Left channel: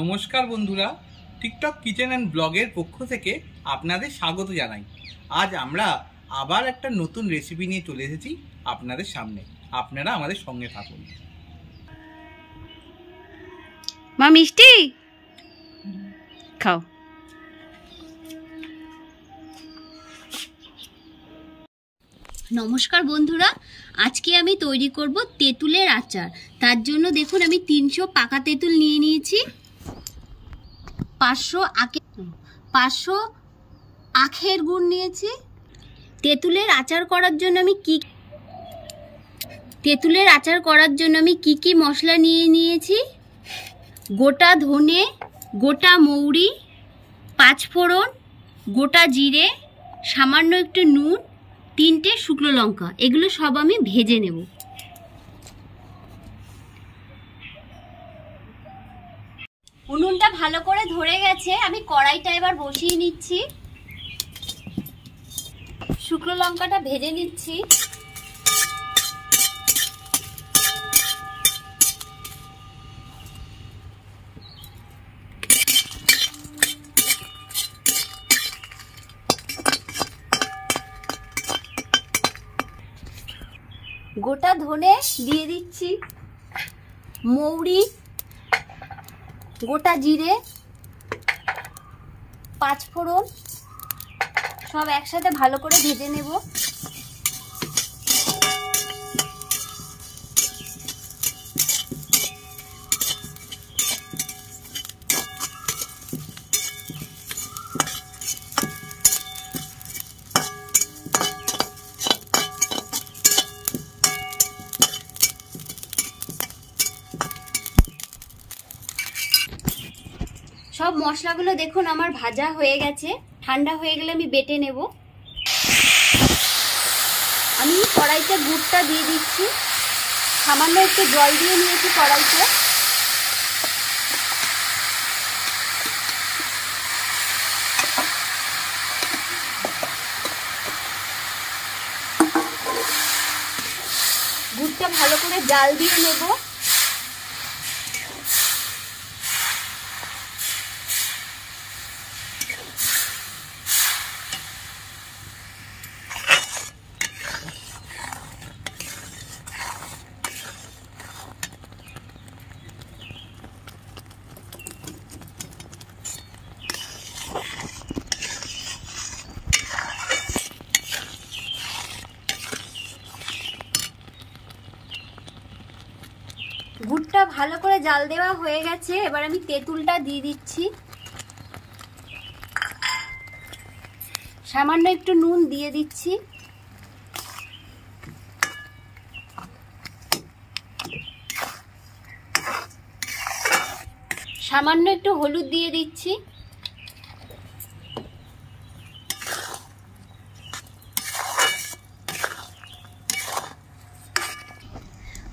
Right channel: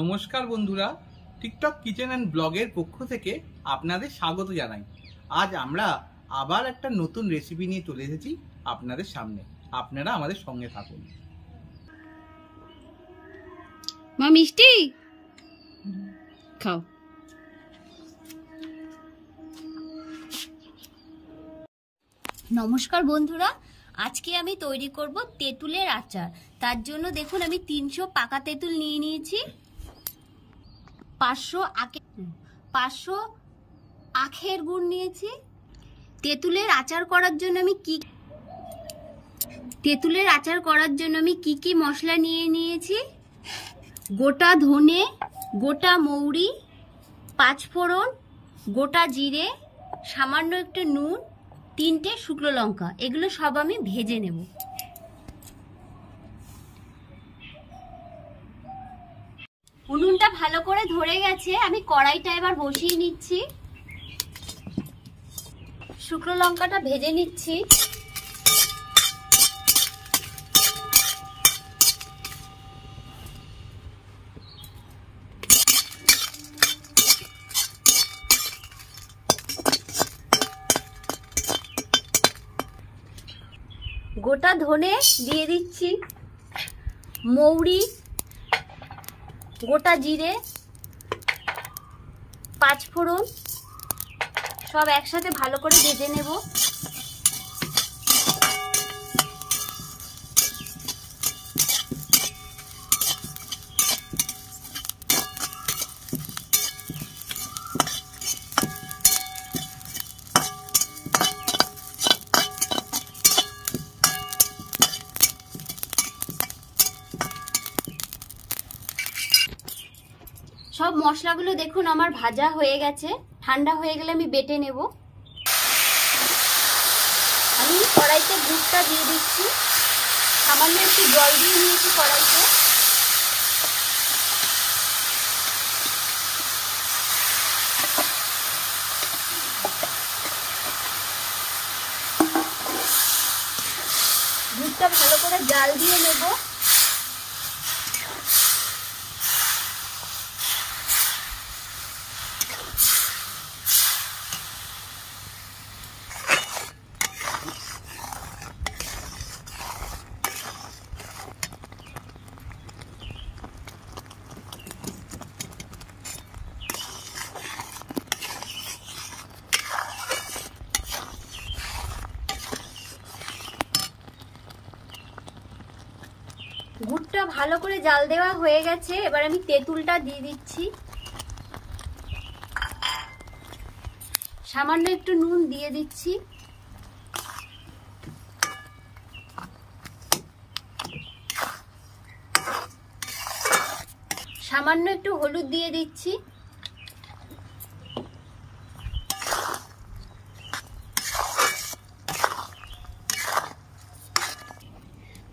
নমস্কার বন্ধুরা, TikTok kitchen and ব্লগের পক্ষ থেকে আপনাদের স্বাগত জানাই। আজ আমরা আবার একটা নতুন রেসিপি নিয়ে চলে এসেছি আপনাদের সামনে। আপনারা আমাদের সঙ্গে থাকুন। মা মিষ্টি খাও। নমস্কার বন্ধুরা, আজকে আমি তৈরি করব তেঁতুলের আচার। তার জন্য দেখুন আমি 300 পাকা তেঁতুল নিয়ে নিয়েছি, 500 আখের গুড় নিয়েছি। তেঁতুলের আচার করার জন্য আমি কি মশলা নিয়ে নিয়েছি: গোটা ধনে, গোটা মৌরি, 5 ফোড়ন, গোটা জিরে, সামান্য একটু নুন, 3টে শুকনো লঙ্কা। এগুলো সব আমি ভেজে নেব। উনুনটা ভালো করে ধরে গেছে, আমি কড়াইটা এবার বসিয়ে নিচ্ছি। শুকনো লঙ্কাটা ভেজে নিচ্ছি। গোটা ধনে দিয়ে দিচ্ছি, মৌরি, গোটা জিরে, 5 ফোড়ন সব একসাথে ভালো করে ভেজে নেব। সব মশলাগুলো দেখুন আমার ভাজা হয়ে গেছে। ঠান্ডা হয়ে গেলে আমি বেটে নেব। আমি কড়াইতে গুড়টা দিয়ে দিচ্ছি, সামান্য একটু জল দিয়ে নিয়েছি কড়াইতে। গুড়টা ভালো করে জাল দিয়ে নেব। গুড়টা ভালো করে জাল দেওয়া হয়ে গেছে, এবার আমি তেঁতুলটা দিয়ে দিচ্ছি। সামান্য একটু নুন দিয়ে দিচ্ছি। সামান্য একটু হলুদ দিয়ে দিচ্ছি।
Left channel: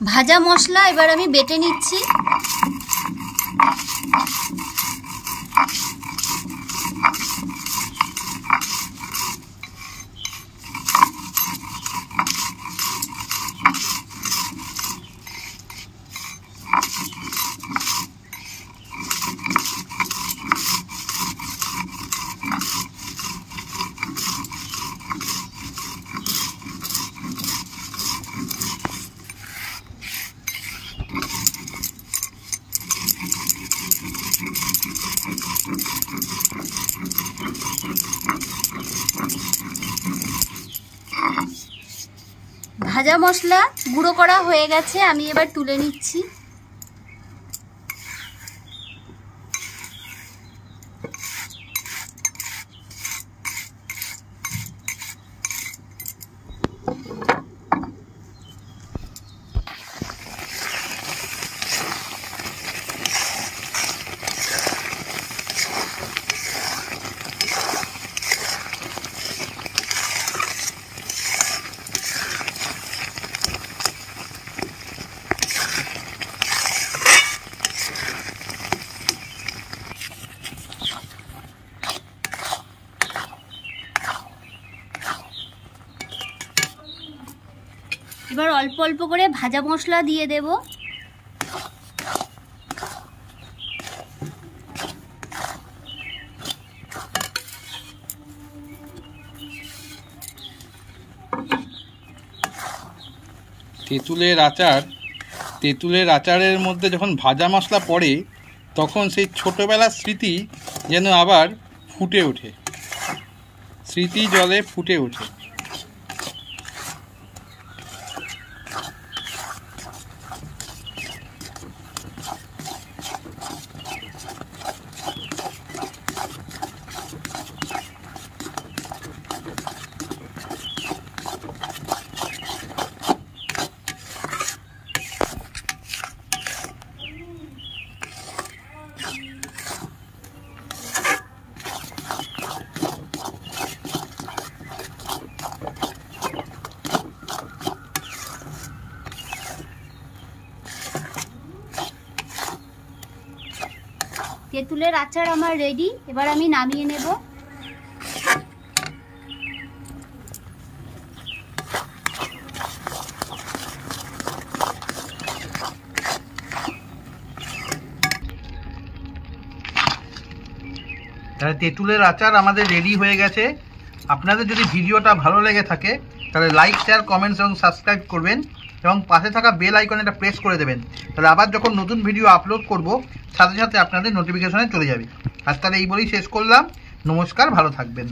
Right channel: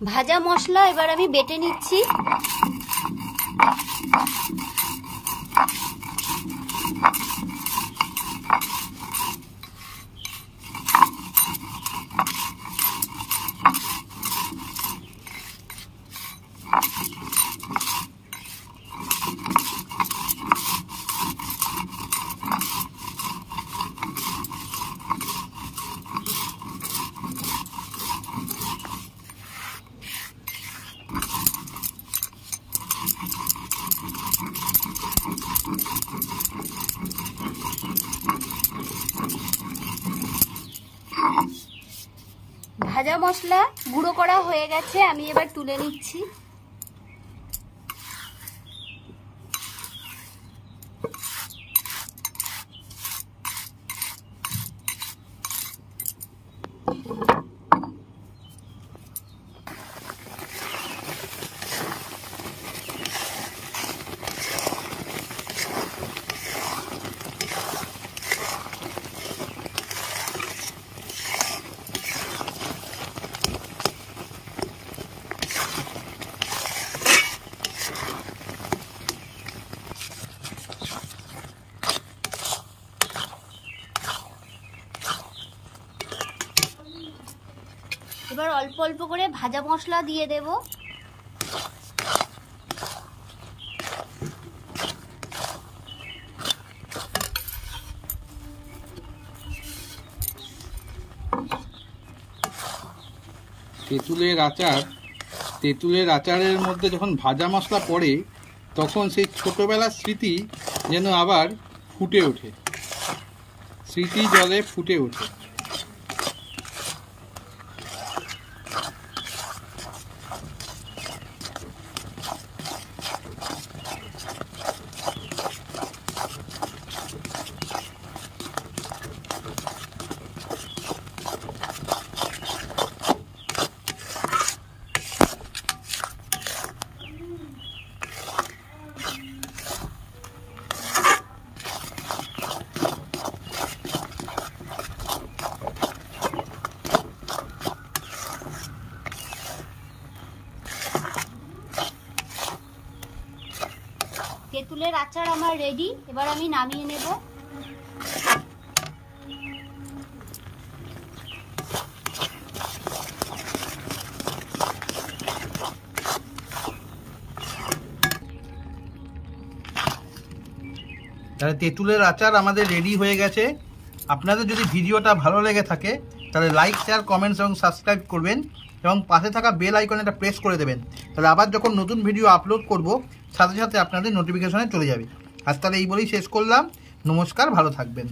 ভাজা মশলা এবার আমি বেটে নিচ্ছি। ভাজা মশলা গুঁড়ো করা হয়ে গেছে, আমি এবার তুলে নিচ্ছি। এবার অল্প অল্প করে ভাজা মশলা দিয়ে দেব। তেঁতুলের আচারের মধ্যে যখন ভাজা মশলা পড়ে তখন সেই ছোটবেলার স্মৃতি যেন আবার ফুটে ওঠে, স্মৃতি জলে ফুটে ওঠে। তেঁতুলের আচার আমার রেডি, এবার আমি নামিয়ে নেব। তাহলে তেঁতুলের আচার আমাদের রেডি হয়ে গেছে। আপনাদের যদি ভিডিওটা ভালো লেগে থাকে তাহলে লাইক, শেয়ার, কমেন্টস এবং সাবস্ক্রাইব করবেন এবং পাশে থাকা বেল আইকনটা প্রেস করে দেবেন। তাহলে আবার যখন নতুন ভিডিও আপলোড করব সাথে সাথে আপনাদের নোটিফিকেশনে চলে যাবে। আর তাহলে এই বলেই শেষ করলাম। নমস্কার, ভালো থাকবেন।